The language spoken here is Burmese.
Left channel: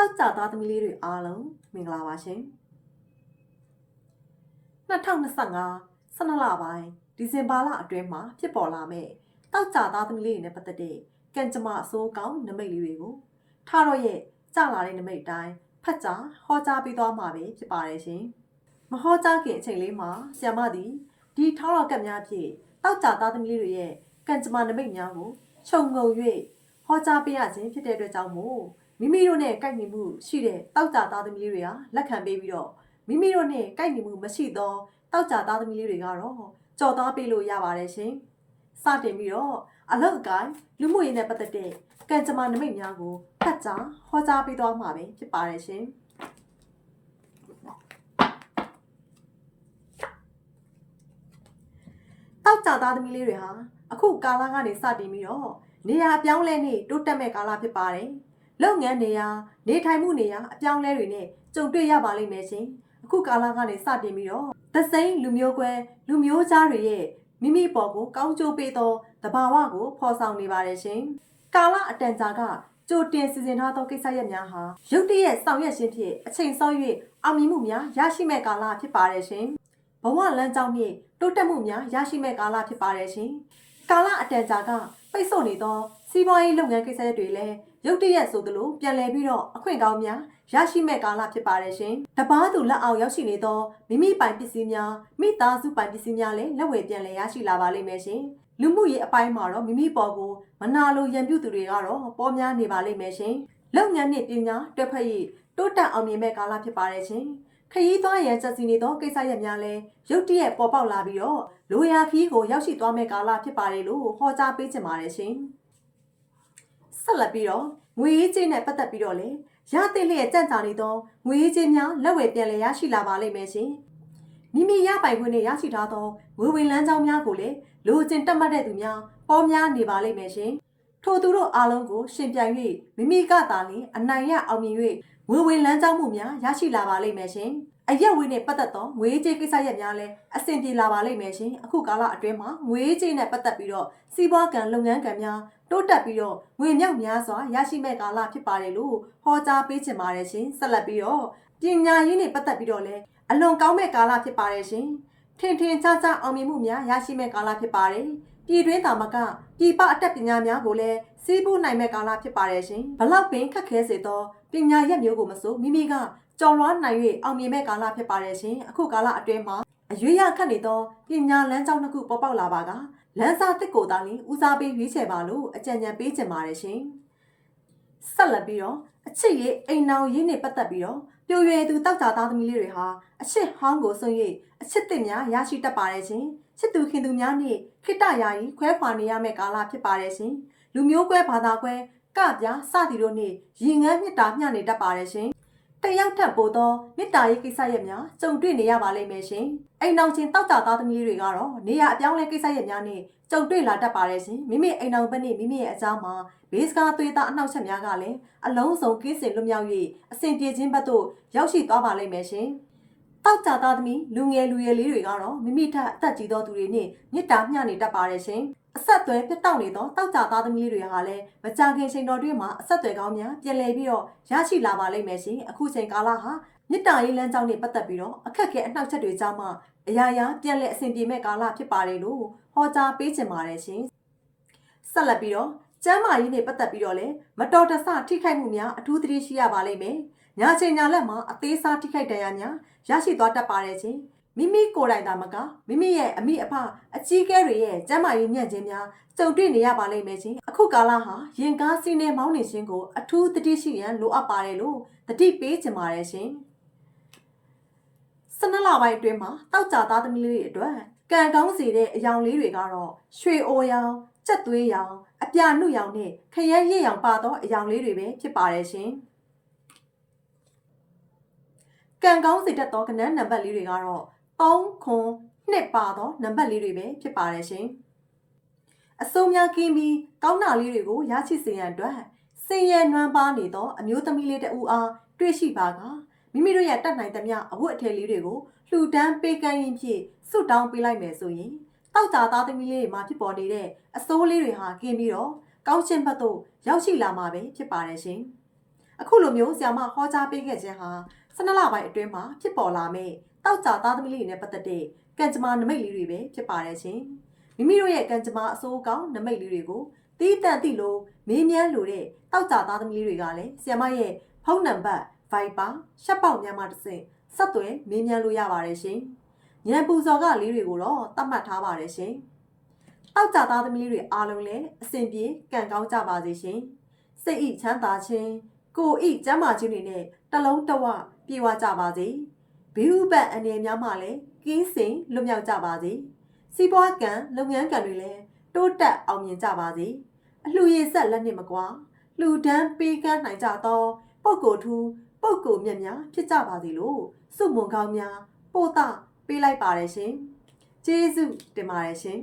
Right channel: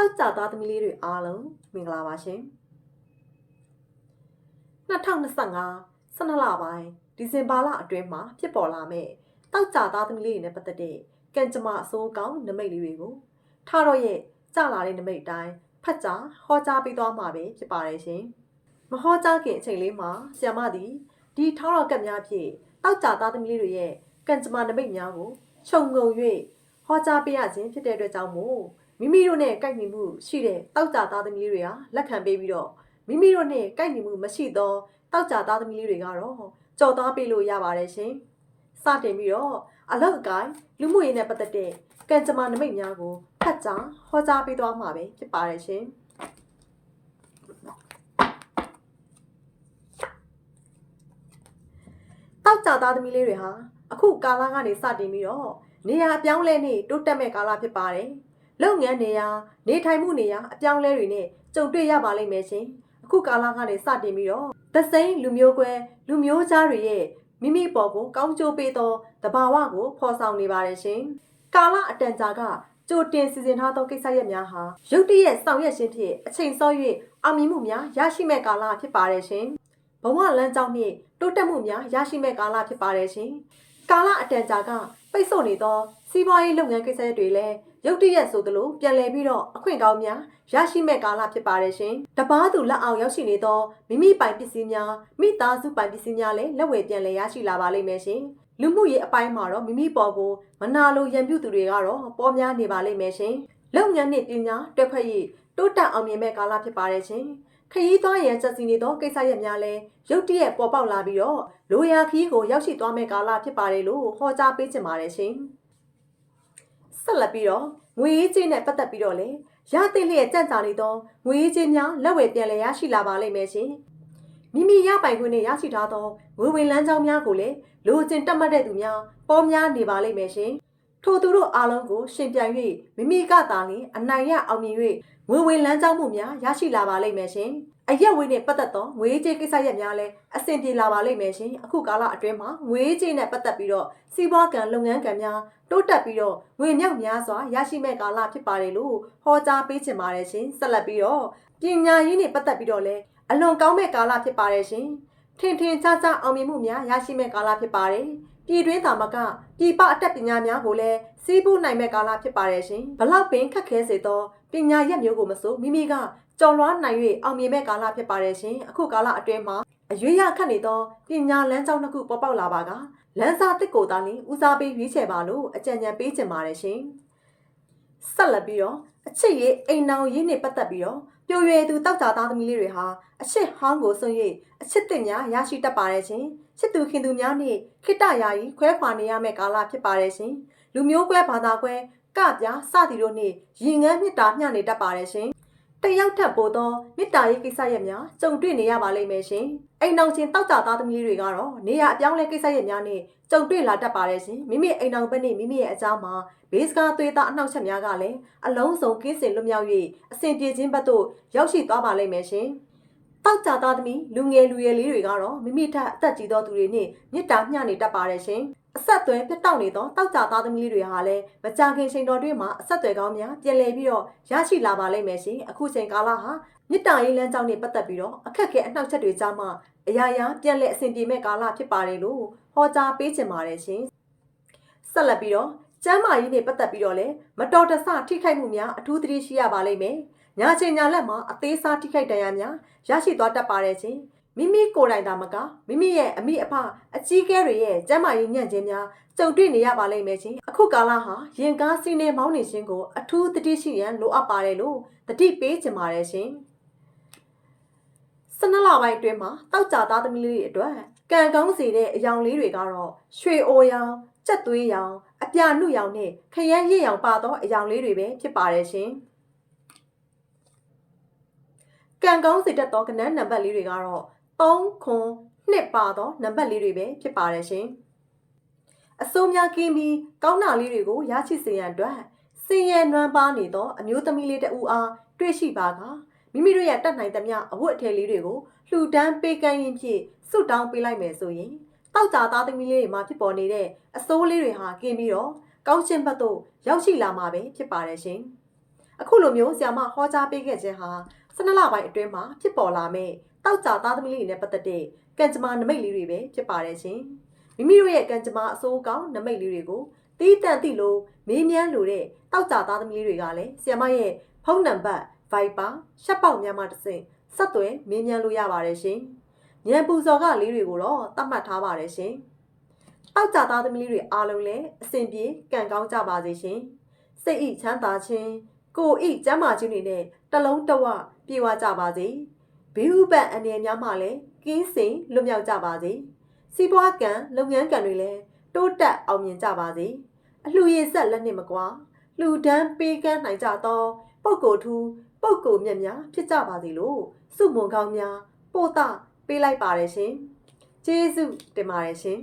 တောက်ကြသားသမီးလေးတွေအားလုံးမင်္ဂလာပါရှင်2025 12လပိုင်းဒီဇင်ဘာလအတွင်းမှာဖြစ်ပေါ်လာမဲ့တောက်ကြသားသမီးလေးတွေနဲ့ပတ်သက်တဲ့ကံကြမ္မာအစိုးကောင်းနမိတ်လေးတွေကိုထားတော့ရဲ့ကြလာတဲ့နမိတ်တိုင်းဖတ်ကြားဟောကြားပေးသွားမှာပဲဖြစ်ပါတယ်ရှင်မဟောကြားခင်အချိန်လေးမှာဆ iam မသည်ဒီထောက်တော်ကပ်များဖြင့်တောက်ကြသားသမီးလေးတွေရဲ့ကံကြမ္မာနမိတ်များကိုခြုံငုံ၍ဟောကြားပေးရခြင်းဖြစ်တဲ့အတွက်ကြောင့်မို့မိမိတို့နဲ့ကိုက်ညီမှုရှိတဲ့တောက်ကြသားသမီးလေးတွေဟာလက်ခံပေးပြီးတော့မိမိတို့နဲ့ကိုက်ညီမှုမရှိသောတောက်ကြသားသမီးလေးတွေကတော့ကြော်သားပေးလို့ရပါတယ်ရှင်စတင်ပြီးတော့အလောက်အကိုင်းလူမှုရေးနဲ့ပတ်သက်တဲ့ကံကြမ္မာနမိတ်များကိုဖတ်ကြားဟောကြားပေးသွားမှာပဲဖြစ်ပါတယ်ရှင်တောက်ကြသားသမီးလေးတွေဟာအခုကာလကနေစတင်ပြီးတော့နေရာပြောင်းလဲနေတိုးတက်မဲ့ကာလဖြစ်ပါတယ်လုပ်ငန်းနေရာနေထိုင်မှုနေရာအပြောင်းလဲတွေနဲ့ကြုံတွေ့ရပါလိမ့်မယ်ရှင်အခုကာလကနေစတင်ပြီးတော့သစိမ်းလူမျိုးကွဲလူမျိုးသားတွေရဲ့မိမိပေါ်ကိုကောင်းကျိုးပေးသောတဘာဝကိုဖော်ဆောင်နေပါတယ်ရှင်ကာလအတန်ကြာကကြိုတင်စီစဉ်ထားသောကိစ္စရပ်များဟာရုတ်တရက်ဆောင်ရွက်ခြင်းဖြင့်အချိန်စော၍အောင်မြင်မှုများရရှိမဲ့ကာလဖြစ်ပါတယ်ရှင်ဘဝလမ်းကြောင်းနှင့်တိုးတက်မှုများရရှိမဲ့ကာလဖြစ်ပါတယ်ရှင်ကာလအတန်ကြာကပိတ်ဆို့နေသောစီးပွားရေးလုပ်ငန်းကိစ္စတွေလည်းရုတ်တရက်ဆိုသလိုပြန်လည်ပြီးတော့အခွင့်ကောင်းများရရှိမဲ့ကာလဖြစ်ပါတယ်ရှင်။တပားသူလက်အောက်ရောက်ရှိနေသောမိမိပိုင်ပစ္စည်းများမိသားစုပိုင်ပစ္စည်းများလည်းလက်ဝယ်ပြန်လည်ရရှိလာပါလိမ့်မယ်ရှင်။လူမှုရေးအပိုင်းမှာတော့မိမိပေါ်ကိုမနာလိုရန်ပြုသူတွေကတော့ပေါ်များနေပါလိမ့်မယ်ရှင်။လုပ်ငန်းနဲ့ပညာတွဲဖက်ရေးတိုးတက်အောင်မြင်မဲ့ကာလဖြစ်ပါတယ်ရှင်။ခရီးသွားရန်စက်စီနေသောကိစ္စရပ်များလည်းရုတ်တရက်ပေါ်ပေါက်လာပြီးတော့လိုရာခီးကိုရောက်ရှိသွားမဲ့ကာလဖြစ်ပါတယ်လို့ဟောကြားပေးချင်ပါတယ်ရှင်။ဆက်လက်ပြီးတော့ငွေရေးကြေးနဲ့ပတ်သက်ပြီးတော့လေရတဲ့လျက်ကြံ့ကြာနေသောငွေရေးကြေးများလက်ဝယ်ပြန်လည်ရရှိလာပါလိမ့်မယ်ရှင်မိမိရပိုင်ခွင့်နဲ့ရရှိထားသောငွေဝင်လမ်းကြောင်းများကိုလည်းလိုချင်တက်မှတ်တဲ့သူများပေါ်များနေပါလိမ့်မယ်ရှင်ထို့သူတို့အားလုံးကိုရှင်ပြိုင်၍မိမိကသာလျှင်အနိုင်ရအောင်မြင်၍ငွေဝင်လမ်းကြောင်းမှုများရရှိလာပါလိမ့်မယ်ရှင်အရက်ဝေးနဲ့ပတ်သက်သောငွေကြေးကိစ္စရပ်များလည်းအဆင်ပြေလာပါလိမ့်မယ်ရှင်အခုကာလအတွင်းမှာငွေကြေးနဲ့ပတ်သက်ပြီးတော့စီးပွားကံလုပ်ငန်းကံများတိုးတက်ပြီးတော့ငွေမြောက်များစွာရရှိမဲ့ကာလဖြစ်ပါတယ်လို့ဟောကြားပေးချင်ပါတယ်ရှင်ဆက်လက်ပြီးတော့ပညာရေးနဲ့ပတ်သက်ပြီးတော့လည်းအလွန်ကောင်းမဲ့ကာလဖြစ်ပါတယ်ရှင်ထင်ထင်ရှားရှားအောင်မြင်မှုများရရှိမဲ့ကာလဖြစ်ပါတယ်ပြည်တွင်းသာမကပြည်ပအတတ်ပညာများကိုလည်းစီးပူးနိုင်မဲ့ကာလဖြစ်ပါတယ်ရှင်ဘလောက်ပင်ခက်ခဲစေသောပညာရပ်မျိုးကိုမဆိုမိမိကကြော်လွှားနိုင်၍အောင်မြင်မဲ့ကာလဖြစ်ပါတယ်ရှင်အခုကာလအတွင်းမှာအရွေးရခတ်နေသောပညာလမ်းကြောင်းတစ်ခုပေါ်ပေါက်လာပါကလမ်းစာတစ်ကိုသာလင်းဦးစားပေးရွေးချယ်ပါလို့အကြံဉာဏ်ပေးချင်ပါတယ်ရှင်ဆက်လက်ပြီးတော့အချစ်ရေးအိမ်နောင်ရေးနဲ့ပတ်သက်ပြီးတော့ပြိုရွယ်သူတောက်ကြသားသမီးလေးတွေဟာအချစ်ဟောင်းကိုစွန့်၍အချစ်သစ်များရရှိတတ်ပါတယ်ရှင်ချစ်သူခင်သူများနဲ့ခိတ္တယာယီခွဲခွာနေရမယ့်ကာလဖြစ်ပါတယ်ရှင်လူမျိုးကွဲဘာသာကွဲကပြစသည်တို့နဲ့ရင်ငန်းမြစ်တာမျှနေတတ်ပါတယ်ရှင်တယောက်ထပ်ပို့သောမေတ္တာရေးကိစ္စရပ်များကြုံတွေ့နေရပါလိမ့်မယ်ရှင်အိမ်အောင်ချင်းတောက်ကြသားသမီးတွေကတော့နေရအပြောင်းလဲကိစ္စရပ်များနဲ့ကြုံတွေ့လာတတ်ပါတယ်ရှင်မိမိအိမ်အောင်ဘက်နဲ့မိမိရဲ့အကြောင်းမှာဘေးစကားသွေးသားအနှောက်အယှက်များကလည်းအလုံးစုံကင်းစင်လွတ်မြောက်၍အစဉ်ပြေခြင်းဘက်သို့ရောက်ရှိသွားပါလိမ့်မယ်ရှင်တောက်ကြသားသမီးလူငယ်လူရွယ်လေးတွေကတော့မိမိထက်အသက်ကြီးသောသူတွေနဲ့မေတ္တာမျှနေတတ်ပါတယ်ရှင်အဆက်အသွယ်ပြတ်တောက်နေသောတောက်ကြသားသမီးလေးတွေဟာလည်းမကြာခင်ချိန်တော်တွင်းမှာအဆက်အသွယ်ကောင်းများပြန်လည်ပြီးတော့ရရှိလာပါလိမ့်မယ်ရှင်အခုချိန်ကာလဟာမေတ္တာရေးလမ်းကြောင်းနဲ့ပတ်သက်ပြီးတော့အခက်အခဲအနှောက်အယှက်တွေကြားမှာအရာရာပြန်လည်အဆင်ပြေမဲ့ကာလဖြစ်ပါတယ်လို့ဟောကြားပေးချင်ပါတယ်ရှင်ဆက်လက်ပြီးတော့ကျမ်းမာရေးနဲ့ပတ်သက်ပြီးတော့လည်းမတော်တဆထိခိုက်မှုများအထူးသတိရှိရပါလိမ့်မယ်ညာချိန်ညာလက်မှာအသေးစားထိခိုက်ဒဏ်ရာများရရှိသွားတတ်ပါတယ်ရှင်မိမိကိုယ်တိုင်သာမကမိမိရဲ့အမိအဖအကြီးကဲတွေရဲ့ကျန်းမာရေးညံ့ခြင်းများကြုံတွေ့နေရပါလိမ့်မယ်ရှင်အခုကာလဟာရင်ကားစီးနေမောင်းနေခြင်းကိုအထူးသတိရှိရန်လိုအပ်ပါတယ်လို့သတိပေးချင်ပါတယ်ရှင်12လပိုင်းအတွင်းမှာတောက်ကြသားသမီးလေးတွေအတွက်ကံကောင်းစေတဲ့အယောင်လေးတွေကတော့ရွှေအိုရောင်ကြက်သွေးရောင်အပြာနုရောင်နဲ့ခရမ်းရစ်ရောင်ပါသောအယောင်လေးတွေပဲဖြစ်ပါတယ်ရှင်ကံကောင်းစေတတ်သောကဏ္ဍနံပါတ်လေးတွေကတော့3ခွန်2ပါသောနံပါတ်လေးတွေပဲဖြစ်ပါတယ်ရှင်အစိုးများကင်းပြီးကောင်းတာလေးတွေကိုရရှိစေရန်အတွက်စင်ရနွမ်းပါနေသောအမျိုးသမီးလေးတဦးအားတွေ့ရှိပါကမိမိတို့ရဲ့တတ်နိုင်သမျှအဝတ်အထည်လေးတွေကိုလှူဒန်းပေးကမ်းရင်းဖြင့်ဆုတောင်းပေးလိုက်မယ်ဆိုရင်တောက်ကြသားသမီးလေးတွေမှာဖြစ်ပေါ်နေတဲ့အစိုးလေးတွေဟာကင်းပြီးတော့ကောင်းချင်းဘက်သို့ရောက်ရှိလာမှာပဲဖြစ်ပါတယ်ရှင် အခုလိုမျိုးဆရာမဟောကြားပေးခဲ့ခြင်းဟာ12လပိုင်းအတွင်းမှာဖြစ်ပေါ်လာမဲ့တောက်ကြသားသမီးလေးတွေနဲ့ပတ်သက်တဲ့ကံကြမ္မာနမိတ်လေးတွေပဲဖြစ်ပါတယ်ရှင်မိမိတို့ရဲ့ကံကြမ္မာအစိုးကောင်းနမိတ်လေးတွေကိုတီးတန့်သိလို့မေးမြန်းလို့တဲ့တောက်ကြသားသမီးလေးတွေကလည်းဆရာမရဲ့ဖုန်းနံပါတ် Viber ရှက်ပေါက်များမှတစ်ဆင့်ဆက်သွယ်မေးမြန်းလို့ရပါတယ်ရှင်ဉာဏ်ပူဇော်ကလေးတွေကိုတော့သတ်မှတ်ထားပါတယ်ရှင်တောက်ကြသားသမီးလေးတွေအားလုံးလည်းအစဉ်ပြေကံကောင်းကြပါစေရှင်စိတ်ဤချမ်းသာခြင်းကိုဤကျမ်းမာခြင်းတွေနဲ့တလုံးတဝပြေဝကြပါစေဘေးဥပတ်အနေများမှလည်းကင်းစင်လွတ်မြောက်ကြပါစေစီးပွားကံလုပ်ငန်းကံတွေလည်းတိုးတက်အောင်မြင်ကြပါစေအလှရည်ဆက်လက်နှင့်မကွာလှူဒန်းပေးကမ်းနိုင်ကြသောပုဂ္ဂိုလ်ထူးပုဂ္ဂိုလ်မြတ်များဖြစ်ကြပါစေလို့စုမွန်ကောင်းများပို့တာပေးလိုက်ပါတယ်ရှင်ကျေးဇူးတင်ပါတယ်ရှင်